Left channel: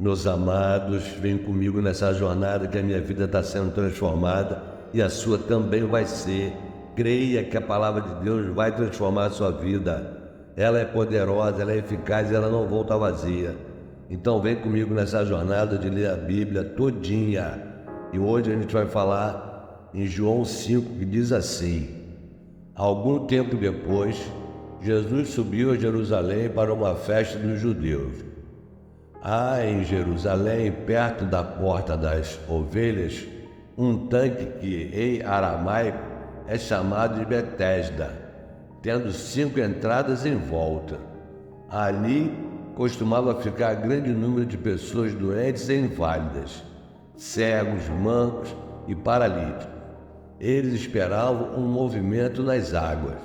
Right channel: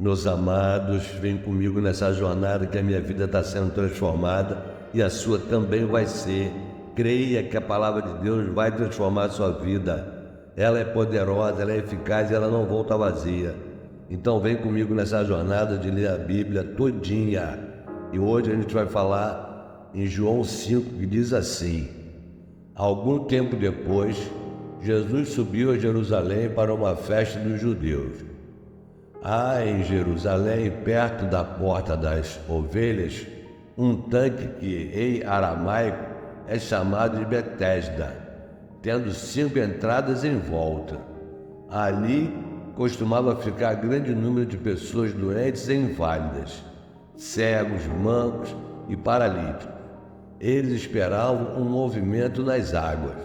Meus amados, vem comigo nessa jornada que a minha vida está sendo transformada e a sua também vai ser. Creia que a palavra de Deus vai transformar a sua vida. Ela é poderosa, ela é eficaz e ela não volta vazia. Então vem comigo nessa jornada de ler a Bíblia todinha. E hoje a gente vai falar em João 5, que diz assim: algum tempo depois, Jesus subiu a Jerusalém para uma festa dos judeus. Há em Jerusalém, perto da porta das ovelhas, um tanque que em aramaico é chamado de Betesda, tendo 5 entradas em volta. Ali costumava ficar grande número de pessoas doentes e inválidas, cegos, mancos e paralíticos. Eles esperavam um movimento nas águas.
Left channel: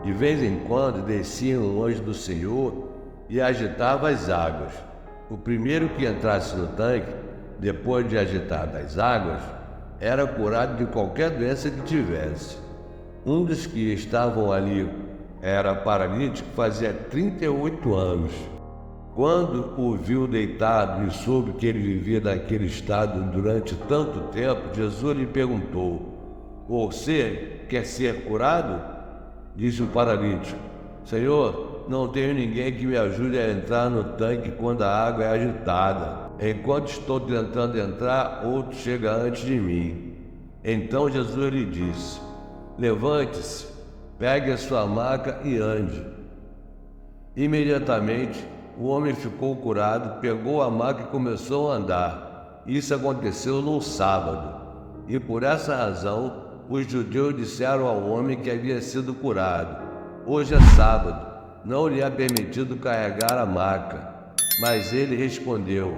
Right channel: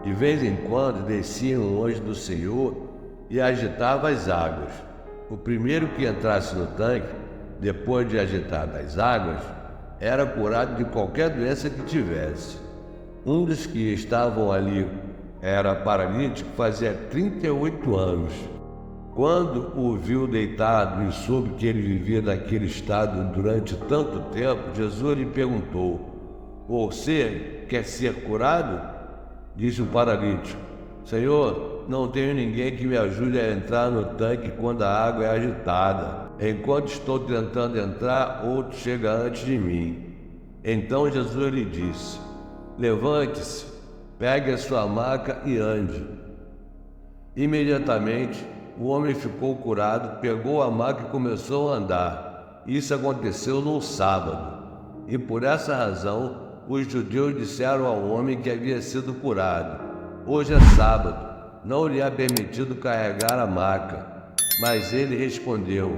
De vez em quando desciam longe do Senhor e agitavam as águas. O primeiro que entrasse no tanque, depois de agitar as águas, era curado de qualquer doença que tivesse. Um dos que estavam ali era paralítico, fazia 38 anos. Quando o viu deitado e soube que ele vivia naquele estado durante tanto tempo, Jesus lhe perguntou: você quer ser curado? Disse o paralítico: Senhor, não tenho ninguém que me ajude a entrar no tanque quando a água é agitada. Enquanto estou tentando entrar, outro chega antes de mim. Então Jesus lhe disse: levante-se, pegue a sua maca e ande. Imediatamente, o homem ficou curado, pegou a maca e começou a andar. Isso aconteceu num sábado. E por essa razão, os judeus disseram ao homem que havia sido curado: hoje é sábado, não lhe é permitido carregar a maca. Mas ele respondeu:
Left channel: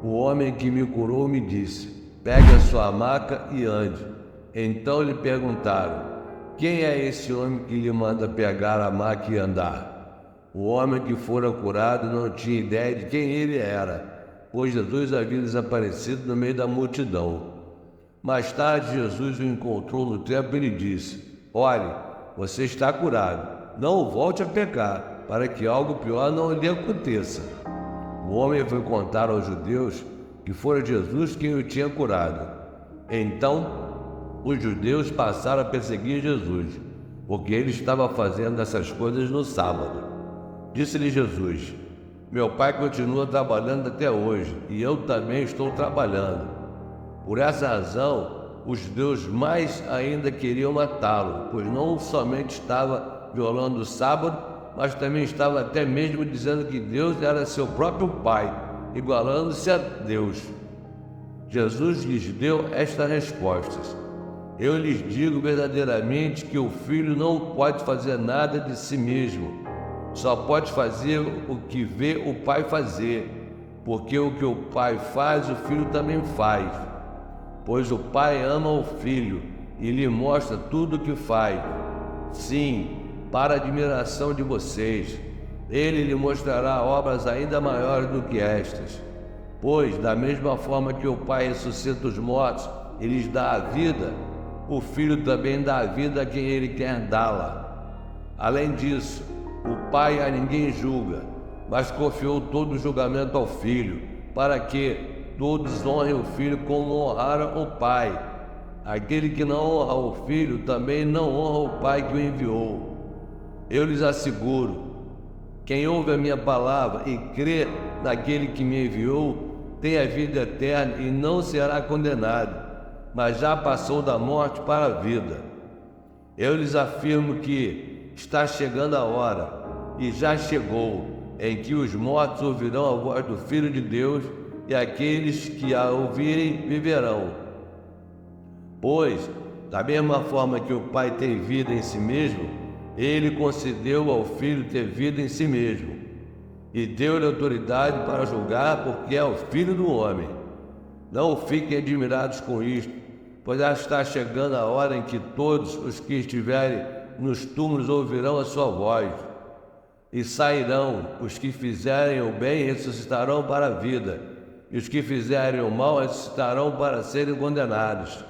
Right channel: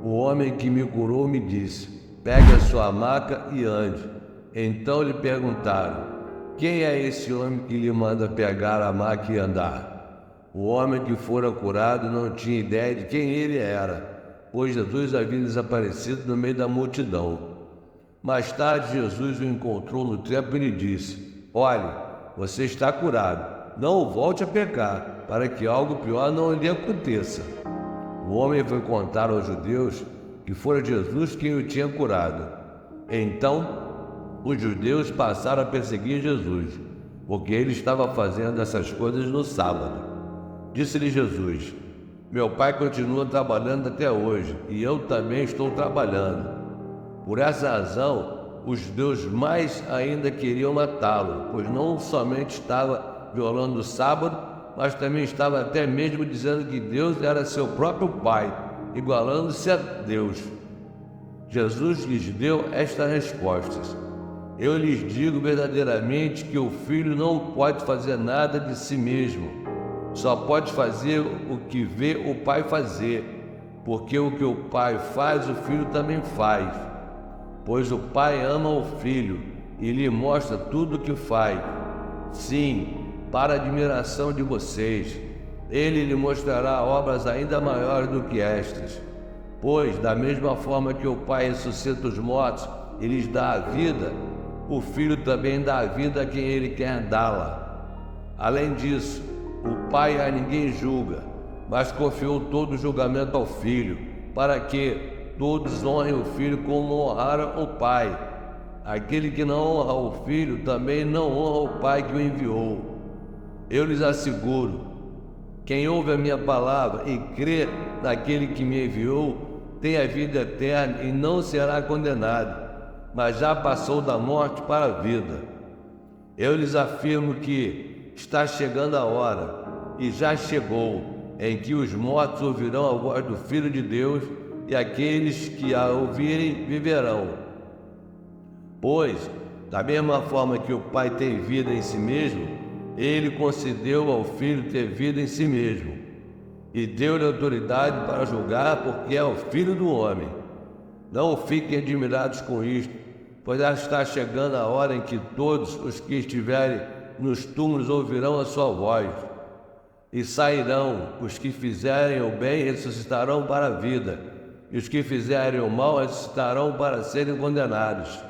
o homem que me curou me disse: pegue a sua maca e ande. Então lhe perguntaram: quem é esse homem que lhe manda pegar a maca e andar? O homem que fora curado não tinha ideia de quem ele era, pois Jesus havia desaparecido no meio da multidão. Mais tarde, Jesus o encontrou no templo e lhe disse: olhe, você está curado, não volte a pecar, para que algo pior não lhe aconteça. O homem foi contar aos judeus que fora Jesus quem o tinha curado. Então, os judeus passaram a perseguir Jesus, porque ele estava fazendo essas coisas no sábado. Disse-lhe Jesus: meu pai continua trabalhando até hoje, e eu também estou trabalhando. Por essa razão, os judeus mais ainda queriam matá-lo, pois não somente estava violando o sábado, mas também estava até mesmo dizendo que Deus era seu próprio Pai, igualando-se a Deus. Jesus lhes deu estas respostas: eu lhes digo verdadeiramente que o Filho não pode fazer nada de si mesmo, só pode fazer o que vê o Pai fazer, porque o que o Pai faz, o Filho também faz. Pois o Pai ama o Filho e lhe mostra tudo o que faz. Sim, para a admiração de vocês, ele lhe mostrará obras ainda maiores do que estas. Pois, da mesma forma que o Pai ressuscita os mortos e lhes dá a vida, o Filho também dá a vida a quem ele quer dá-la. Além disso, o Pai a ninguém julga, mas confiou todo o julgamento ao Filho, para que todos honrem o Filho como honraram o Pai. Aquele que não honra o Filho também não honra o Pai que o enviou. Eu lhes asseguro, quem ouve a minha palavra e crê naquele que me enviou, tem a vida eterna e não será condenado, mas já passou da morte para a vida. Eu lhes afirmo que está chegando a hora, e já chegou, em que os mortos ouvirão a voz do Filho de Deus, e aqueles que a ouvirem viverão. Pois, da mesma forma que o Pai tem vida em si mesmo, ele concedeu ao Filho ter vida em si mesmo, e deu-lhe autoridade para julgar, porque é o Filho do homem. Não fiquem admirados com isto, pois já está chegando a hora em que todos os que estiverem nos túmulos ouvirão a sua voz, e sairão. Os que fizerem o bem ressuscitarão para a vida, e os que fizerem o mal ressuscitarão para serem condenados.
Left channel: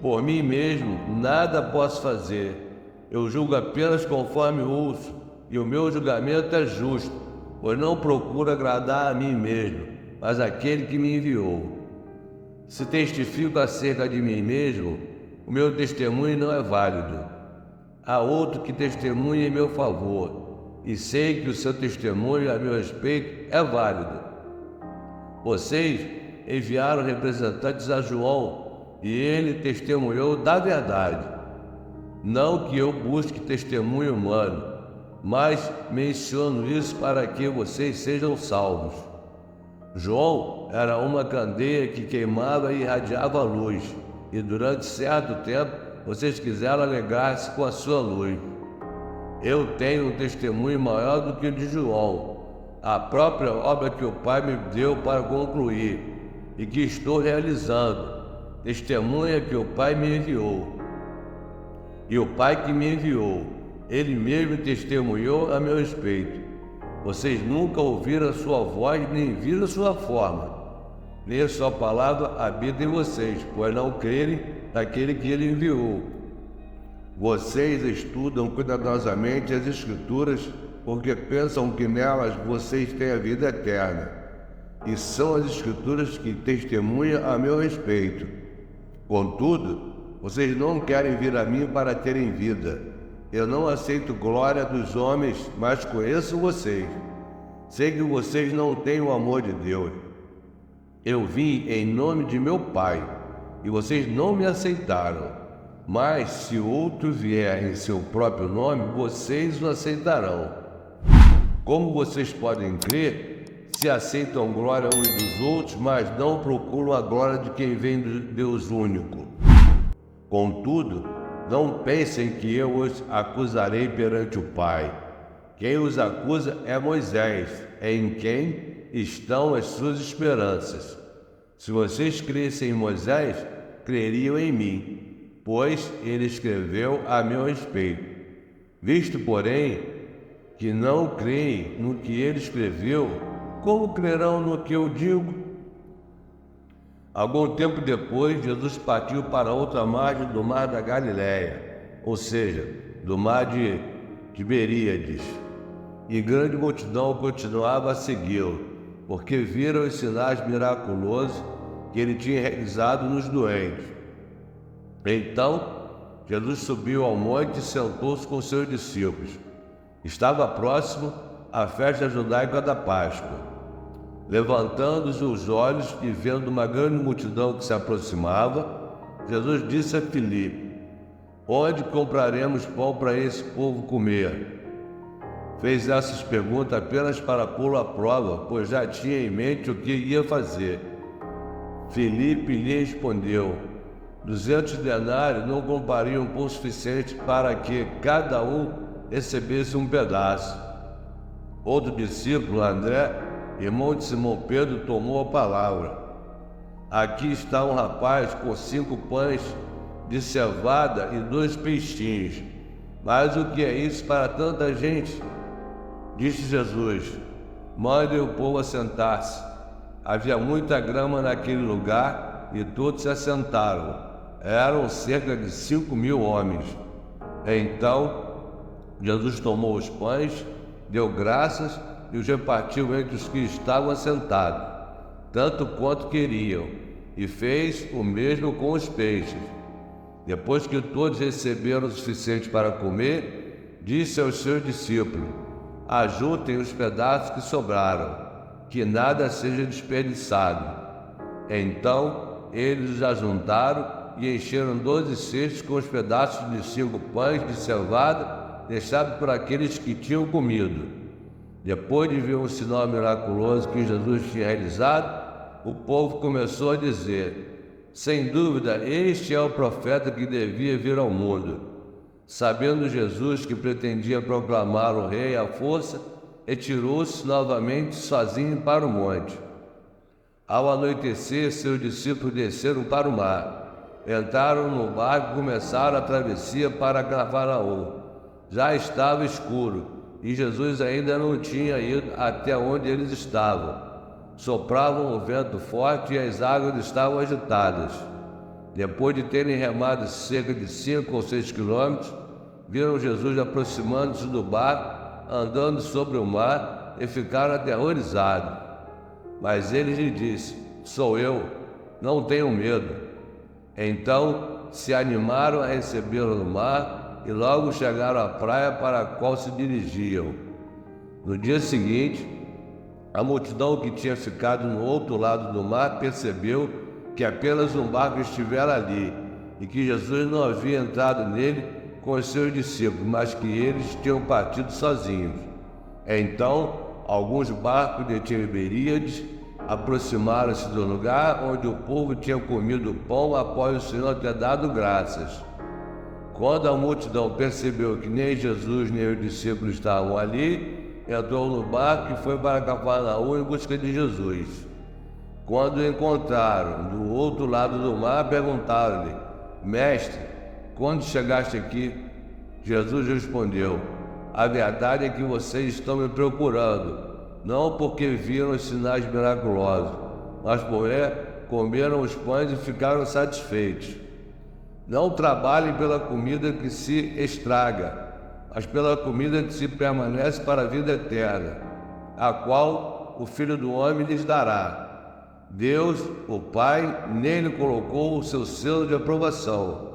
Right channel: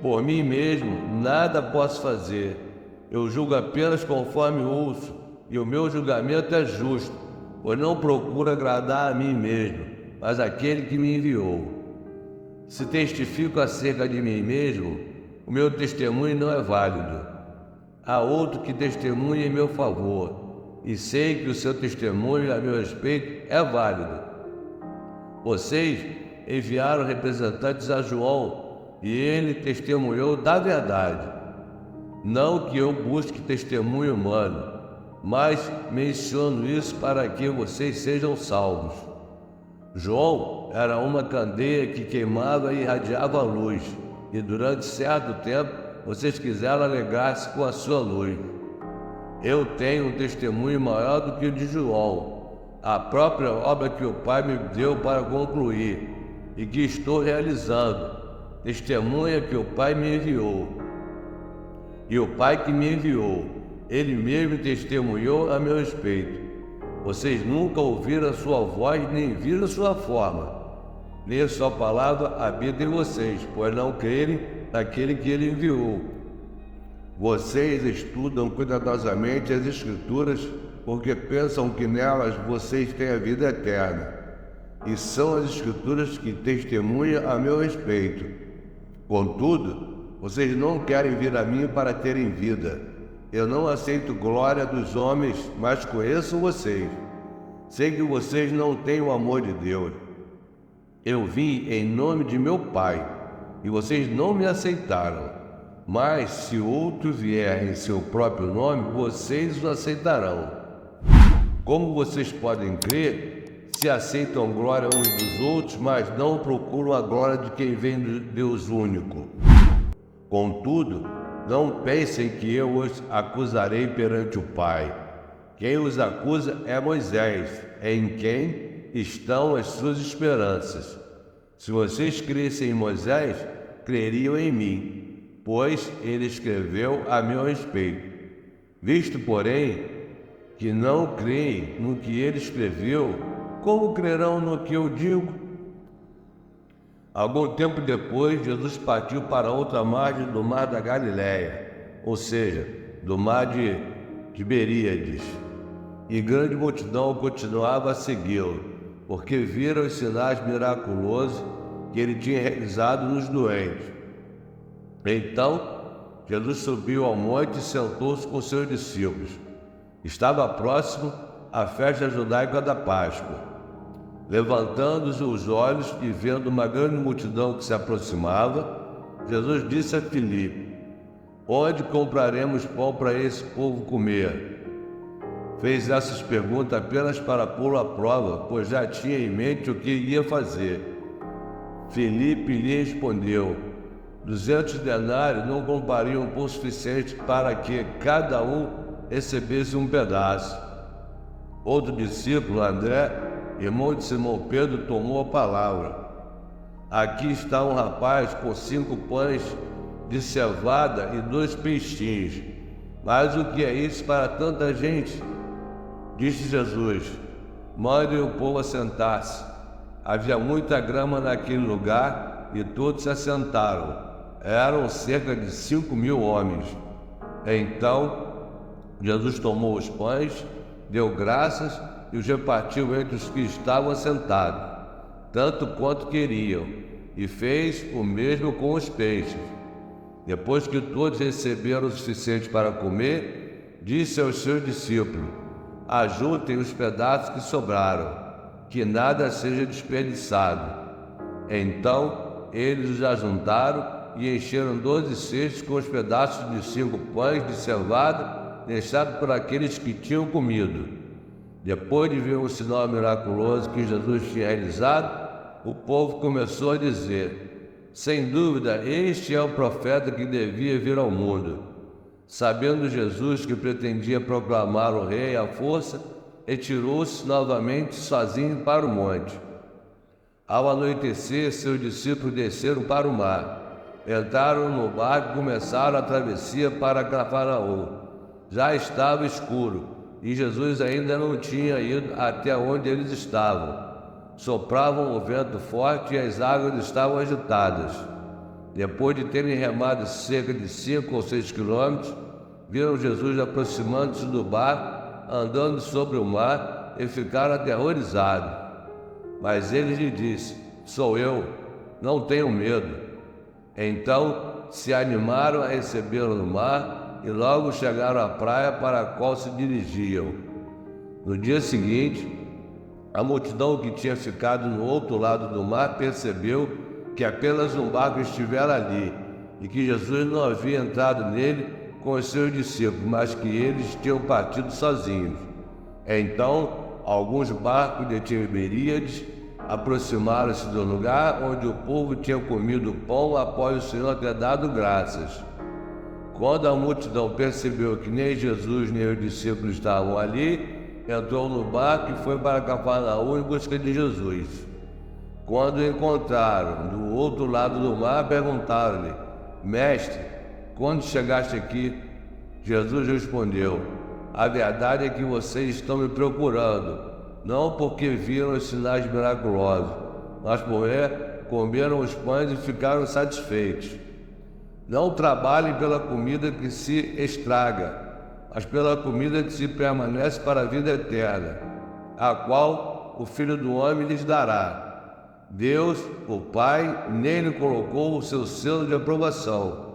Por mim mesmo nada posso fazer, eu julgo apenas conforme ouço, e o meu julgamento é justo, pois não procuro agradar a mim mesmo, mas aquele que me enviou. Se testifico acerca de mim mesmo, o meu testemunho não é válido. Há outro que testemunha em meu favor, e sei que o seu testemunho a meu respeito é válido. Vocês enviaram representantes a João, e ele testemunhou da verdade. Não que eu busque testemunho humano, mas menciono isso para que vocês sejam salvos. João era uma candeia que queimava e irradiava luz, e durante certo tempo vocês quiseram alegar-se com a sua luz. Eu tenho um testemunho maior do que o de João, a própria obra que o Pai me deu para concluir, e que estou realizando, testemunha que o Pai me enviou. E o Pai que me enviou, Ele mesmo testemunhou a meu respeito. Vocês nunca ouviram a sua voz, nem viram a sua forma, nem a sua palavra habita em vocês, pois não crerem naquele que Ele enviou. Vocês estudam cuidadosamente as Escrituras, porque pensam que nelas vocês têm a vida eterna. E são as Escrituras que testemunham a meu respeito. Contudo, vocês não querem vir a mim para terem vida. Eu não aceito glória dos homens, mas conheço vocês. Sei que vocês não têm o amor de Deus. Eu vim em nome de meu Pai, e vocês não me aceitaram. Mas se outro vier em seu próprio nome, vocês o aceitarão. Como vocês podem crer, se aceitam glória uns dos outros, mas não procuram a glória de quem vem de Deus único. Contudo, não pensem que eu os acusarei perante o Pai. Quem os acusa é Moisés, em quem estão as suas esperanças. Se vocês crescem em Moisés, creriam em mim, pois ele escreveu a meu respeito. Visto, porém, que não creem no que ele escreveu, como crerão no que eu digo? Algum tempo depois, Jesus partiu para outra margem do mar da Galileia, ou seja, do mar de Tiberíades, e grande multidão continuava a segui-lo, porque viram os sinais miraculosos que ele tinha realizado nos doentes. Então, Jesus subiu ao monte e sentou-se com seus discípulos. Estava próximo a festa judaica da Páscoa. Levantando os olhos e vendo uma grande multidão que se aproximava, Jesus disse a Filipe: onde compraremos pão para esse povo comer? Fez essas perguntas apenas para pô-lo à prova, pois já tinha em mente o que ia fazer. Filipe lhe respondeu: 200 denários não comprariam pão suficiente para que cada um recebesse um pedaço. Outro discípulo, André, irmão de Simão Pedro, tomou a palavra. Aqui está um rapaz com 5 pães de cevada e 2 peixinhos. Mas o que é isso para tanta gente? Disse Jesus: mande o povo assentar-se. Havia muita grama naquele lugar e todos se assentaram. Eram cerca de 5.000 homens. Então Jesus tomou os pães, deu graças e os repartiu entre os que estavam assentados, tanto quanto queriam, e fez o mesmo com os peixes. Depois que todos receberam o suficiente para comer, disse aos seus discípulos: ajuntem os pedaços que sobraram, que nada seja desperdiçado. Então eles os ajuntaram e encheram 12 cestos com os pedaços de 5 pães de cevada deixados por aqueles que tinham comido. Depois de ver o sinal miraculoso que Jesus tinha realizado, o povo começou a dizer: sem dúvida, este é o profeta que devia vir ao mundo. Sabendo Jesus que pretendia proclamar o rei à força, retirou-se novamente sozinho para o monte. Ao anoitecer, seus discípulos desceram para o mar. Entraram no barco e começaram a travessia para Cafarnaum. Já estava escuro e Jesus ainda não tinha ido até onde eles estavam. Soprava um vento forte e as águas estavam agitadas. Depois de terem remado cerca de 5 ou 6 quilômetros, viram Jesus aproximando-se do mar, andando sobre o mar, e ficaram aterrorizados. Mas ele lhe disse: sou eu, não tenho medo. Então se animaram a recebê-lo no mar e logo chegaram à praia para a qual se dirigiam. No dia seguinte, a multidão que tinha ficado no outro lado do mar percebeu que apenas um barco estivera ali e que Jesus não havia entrado nele com os seus discípulos, mas que eles tinham partido sozinhos. Então, alguns barcos de Tiberíades aproximaram-se do lugar onde o povo tinha comido pão após o Senhor ter dado graças. Quando a multidão percebeu que nem Jesus nem os discípulos estavam ali, entrou no barco e foi para Cafarnaum em busca de Jesus. Quando o encontraram do outro lado do mar, perguntaram-lhe: Mestre, quando chegaste aqui? Jesus respondeu: a verdade é que vocês estão me procurando, não porque viram os sinais miraculosos, mas porque comeram os pães e ficaram satisfeitos. Não trabalhem pela comida que se estraga, mas pela comida que se permanece para a vida eterna, a qual o Filho do Homem lhes dará. Deus, o Pai, nele colocou o seu selo de aprovação.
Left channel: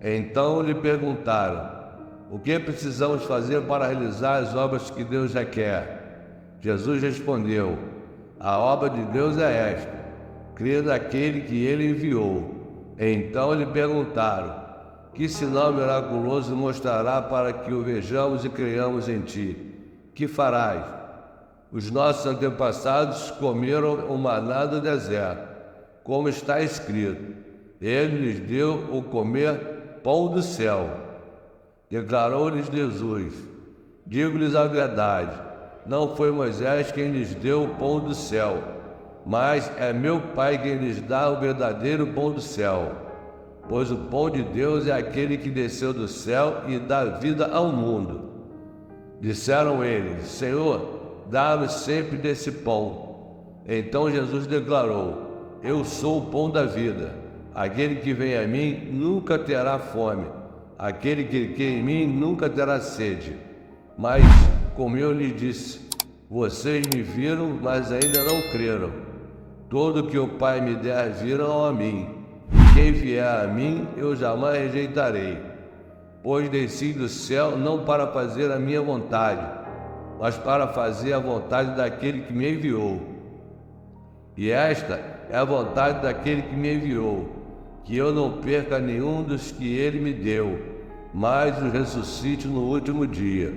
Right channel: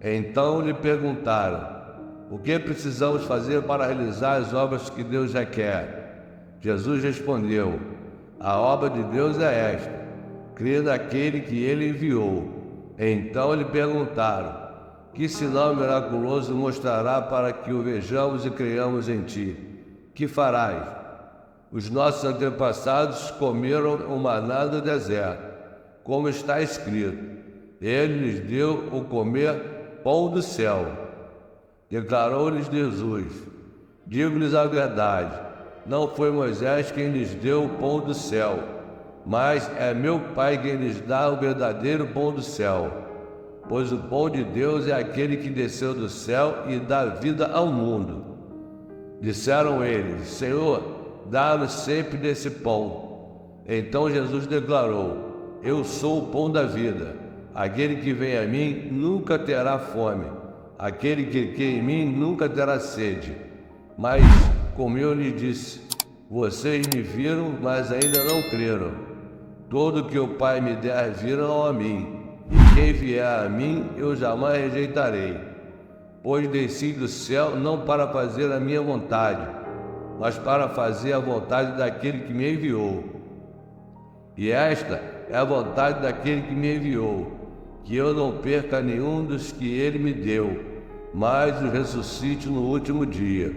Então lhe perguntaram: o que precisamos fazer para realizar as obras que Deus requer? Jesus respondeu: a obra de Deus é esta, crer naquele que ele enviou. Então lhe perguntaram: que sinal miraculoso mostrará para que o vejamos e creiamos em ti? Que farás? Os nossos antepassados comeram o maná do deserto, como está escrito: ele lhes deu o comer pão do céu. Declarou-lhes Jesus: digo-lhes a verdade, não foi Moisés quem lhes deu o pão do céu, mas é meu Pai quem lhes dá o verdadeiro pão do céu. Pois o pão de Deus é aquele que desceu do céu e dá vida ao mundo. Disseram eles: Senhor, dá-nos sempre desse pão. Então Jesus declarou: eu sou o pão da vida. Aquele que vem a mim nunca terá fome. Aquele que crê em mim nunca terá sede. Mas, como eu lhe disse, vocês me viram, mas ainda não creram. Todo que o Pai me der virão a mim. Quem vier a mim, eu jamais rejeitarei. Pois desci do céu não para fazer a minha vontade, mas para fazer a vontade daquele que me enviou. E esta é a vontade daquele que me enviou, que eu não perca nenhum dos que ele me deu, mas os ressuscite no último dia.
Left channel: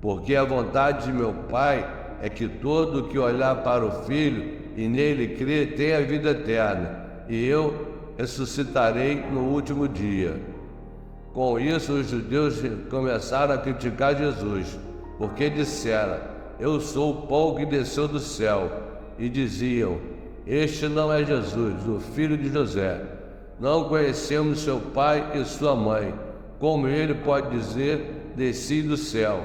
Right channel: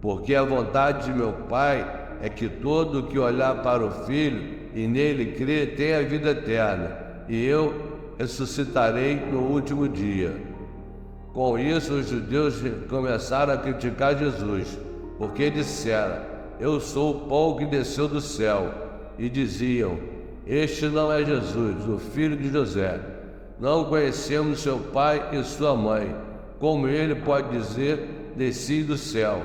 Porque a vontade de meu Pai é que todo que olhar para o Filho e nele crer tenha a vida eterna, e eu ressuscitarei no último dia. Com isso, os judeus começaram a criticar Jesus, porque disseram: eu sou o pão que desceu do céu. E diziam: este não é Jesus, o filho de José. Não conhecemos seu pai e sua mãe. Como ele pode dizer: desci do céu?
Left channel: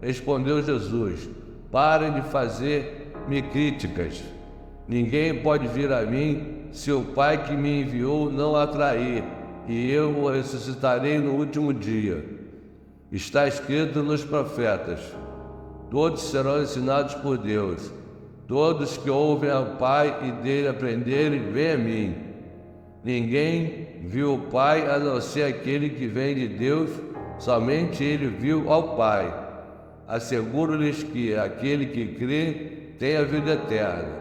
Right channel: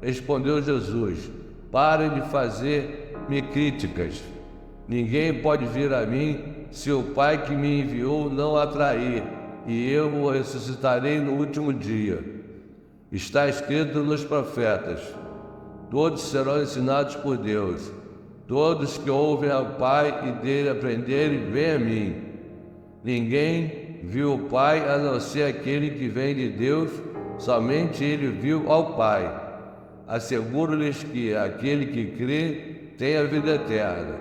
Respondeu Jesus: parem de fazer-me críticas. Ninguém pode vir a mim se o Pai que me enviou não atrair, e eu o ressuscitarei no último dia. Está escrito nos profetas: todos serão ensinados por Deus. Todos que ouvem ao Pai e dele aprenderem, vêm a mim. Ninguém viu o Pai a não ser aquele que vem de Deus, somente ele viu ao Pai. Asseguro-lhes que aquele que crê tem a vida eterna.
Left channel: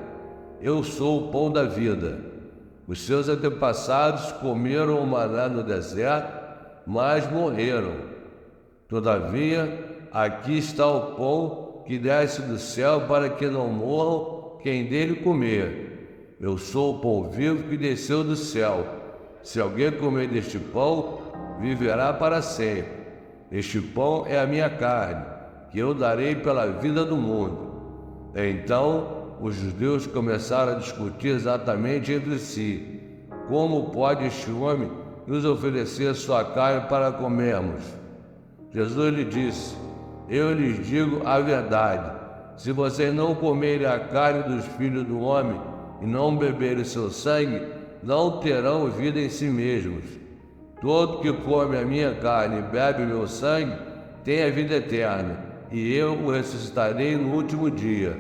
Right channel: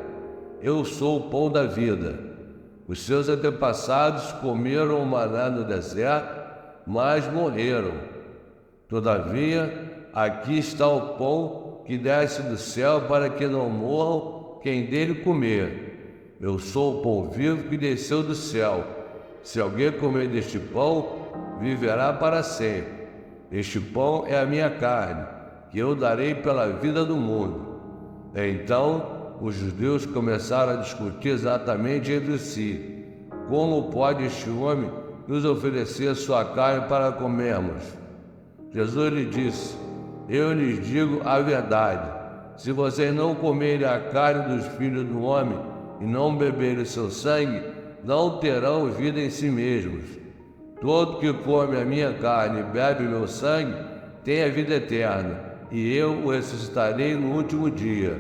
Eu sou o pão da vida. Os seus antepassados comeram o maná no deserto, mas morreram. Todavia, aqui está o pão que desce do céu para que não morram quem dele comer. Eu sou o pão vivo que desceu do céu. Se alguém comer deste pão, viverá para sempre. Este pão é a minha carne, que eu darei pela vida do mundo. Então, os judeus começaram a discutir exatamente entre si: como pode este homem nos oferecer sua carne para comermos? Jesus lhe disse: eu lhes digo a verdade, se vocês não comerem a carne dos filhos do homem e não beberem seu sangue, não terão vida em si mesmos. Todo que come a minha carne e bebe meu sangue tem a vida eterna, e eu o ressuscitarei no último dia.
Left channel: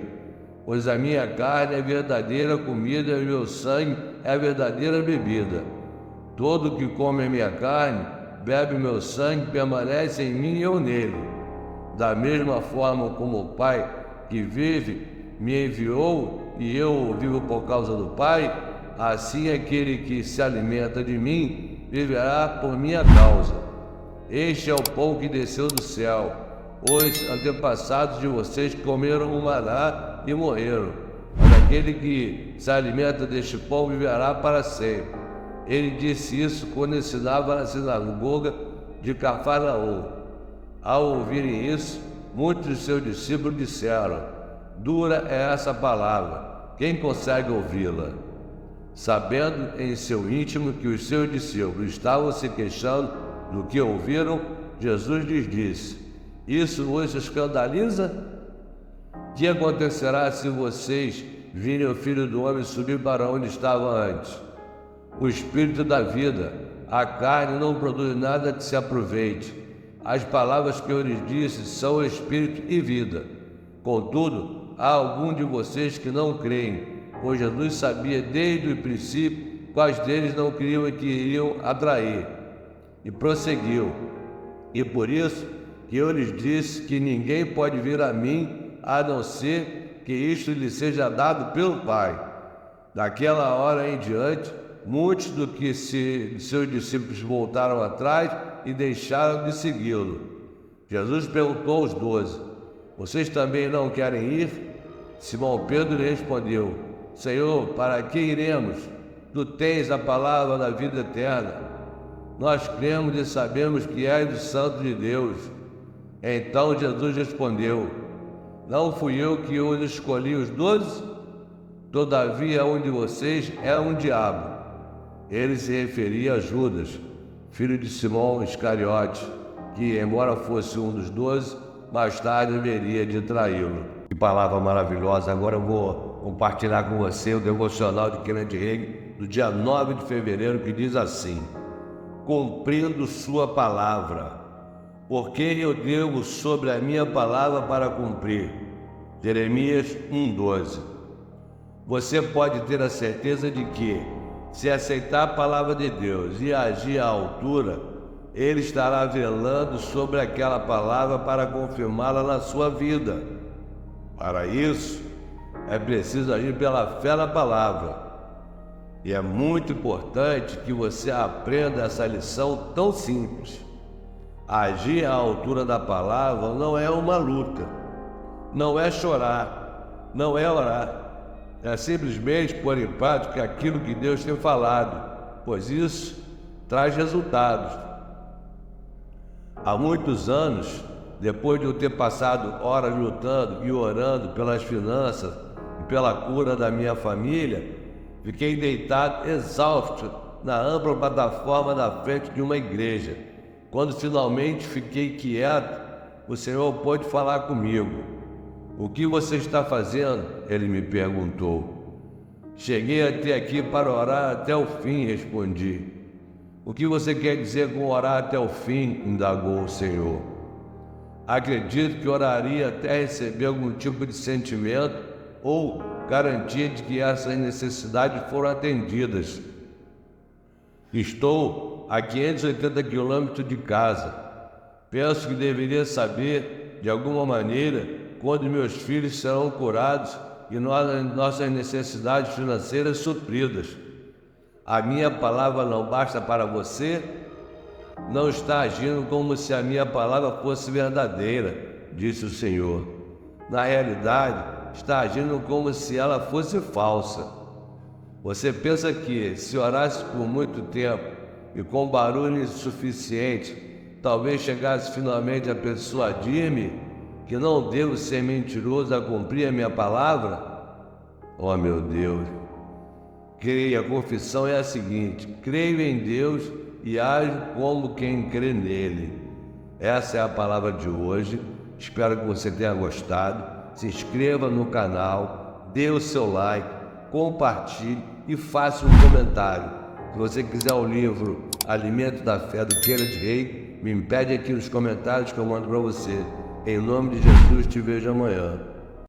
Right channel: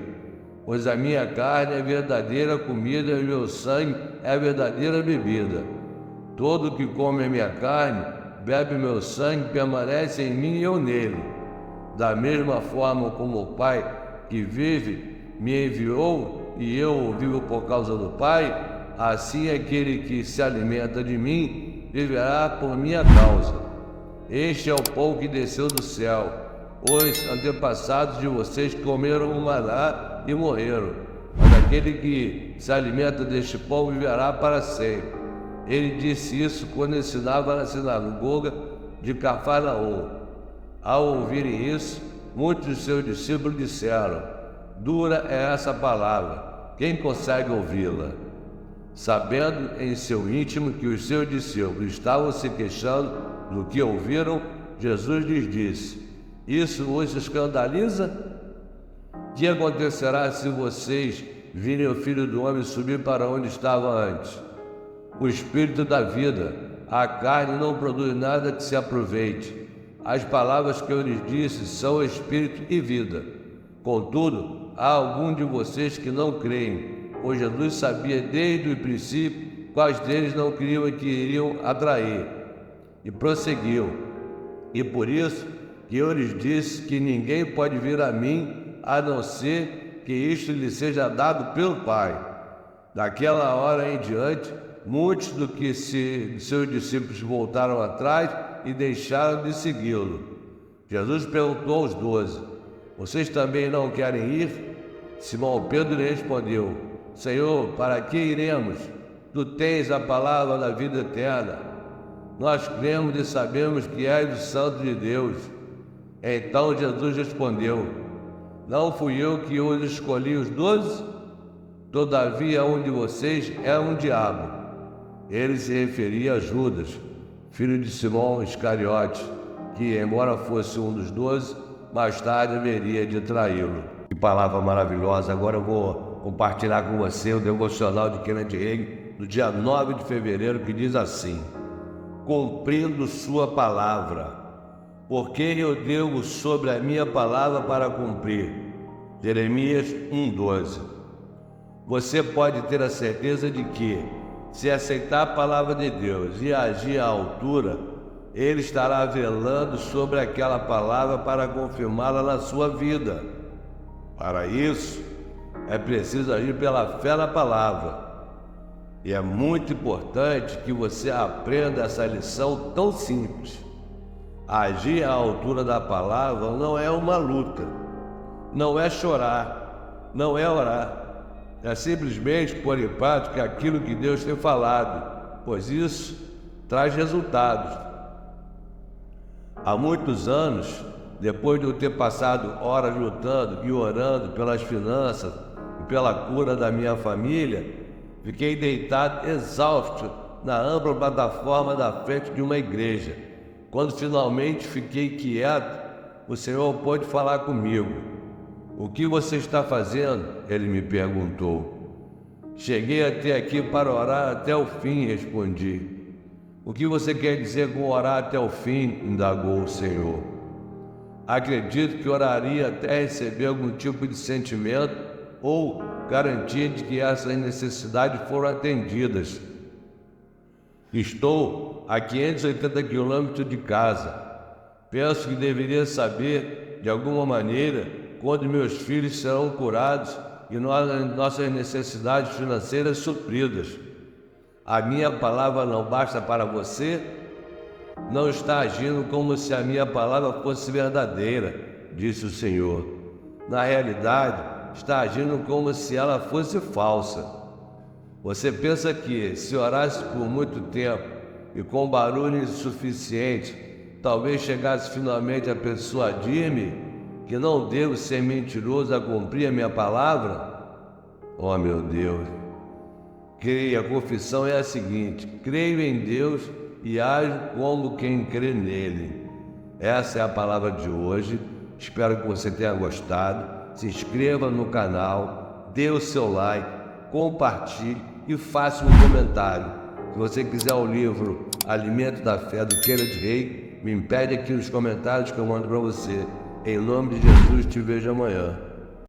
pois a minha carne é verdadeira comida e o meu sangue é verdadeira bebida. Todo que come a minha carne, bebe o meu sangue, permanece em mim e eu nele. Da mesma forma como o Pai que vive me enviou e eu vivo por causa do Pai, assim aquele que se alimenta de mim viverá por minha causa. Este é o pão que desceu do céu. Os antepassados de vocês comeram o maná e morreram. Mas aquele que se alimenta deste pão viverá para sempre. Ele disse isso quando ensinava na sinagoga de Cafarnaum. Ao ouvirem isso, muitos de seus discípulos disseram: dura é essa palavra, quem consegue ouvi-la? Sabendo em seu íntimo que os seus discípulos estavam se queixando do que ouviram, Jesus lhes disse: isso vos escandaliza? Que acontecerá se vocês virem o Filho do Homem subir para onde estava antes? O Espírito da vida, a carne não produz nada que se aproveite. As palavras que eu lhes disse são Espírito e vida. Contudo, há algum de vocês que não creem, pois Jesus sabia desde o princípio quais deles não criam e que iriam atrair. E prosseguiu: e por isso que eu lhes disse que ninguém pode vir a mim, a não ser que isto lhe seja dado pelo Pai. Daquela hora em diante, muitos de seus discípulos voltaram atrás e deixaram de segui-lo. Jesus perguntou aos 12: vocês também não querem ir? Simão Pedro respondeu: Senhor, para que iremos? Tu tens a palavra da vida eterna. Nós cremos e sabemos que és o Santo de Deus. Então Jesus respondeu: não fui eu que os escolhi os 12? Todavia um de vocês é um diabo. Ele se referia a Judas, filho de Simão Iscariote, que, embora fosse um dos 12, mais tarde haveria de traí-lo. Que palavra maravilhosa! Agora eu vou compartilhar com você o devocional de Kenneth Hagin, do dia 9 de fevereiro, que diz assim: cumprindo sua palavra, porque eu devo sobre a minha palavra para cumprir. Jeremias 1:12. Você pode ter a certeza de que, se aceitar a palavra de Deus e agir à altura, Ele estará velando sobre aquela palavra para confirmá-la na sua vida. Para isso, é preciso agir pela fé na palavra. E é muito importante que você aprenda essa lição tão simples. Agir à altura da palavra não é uma luta, não é chorar, não é orar. É simplesmente pôr em prática aquilo que Deus tem falado, pois isso traz resultados. Há muitos anos, depois de eu ter passado horas lutando e orando pelas finanças e pela cura da minha família, fiquei deitado exausto na ampla plataforma da frente de uma igreja. Quando finalmente fiquei quieto, o Senhor pôde falar comigo. O que você está fazendo? Ele me perguntou. Cheguei até aqui para orar até o fim, respondi. O que você quer dizer com orar até o fim? Indagou o Senhor. Acredito que oraria até receber algum tipo de sentimento ou garantia de que essas necessidades foram atendidas. Estou a 580 quilômetros de casa. Penso que deveria saber, de alguma maneira, quando meus filhos serão curados e nossas necessidades financeiras supridas. A minha palavra não basta para você? Não está agindo como se a minha palavra fosse verdadeira, disse o Senhor. Na realidade, está agindo como se ela fosse falsa. Você pensa que, se orasse por muito tempo e com barulho suficiente, talvez chegasse finalmente a persuadir-me que não devo ser mentiroso a cumprir a minha palavra? Oh, meu Deus! Creia, a confissão é a seguinte: creio em Deus e ajo como quem crê nele. Essa é a palavra de hoje. Espero que você tenha gostado. Se inscreva no canal, dê o seu like, compartilhe e faça um comentário. Se você quiser o livro Alimento da Fé, do Kenneth Hagin, me pede aqui nos comentários que eu mando para você. Em nome de Jesus, te vejo amanhã.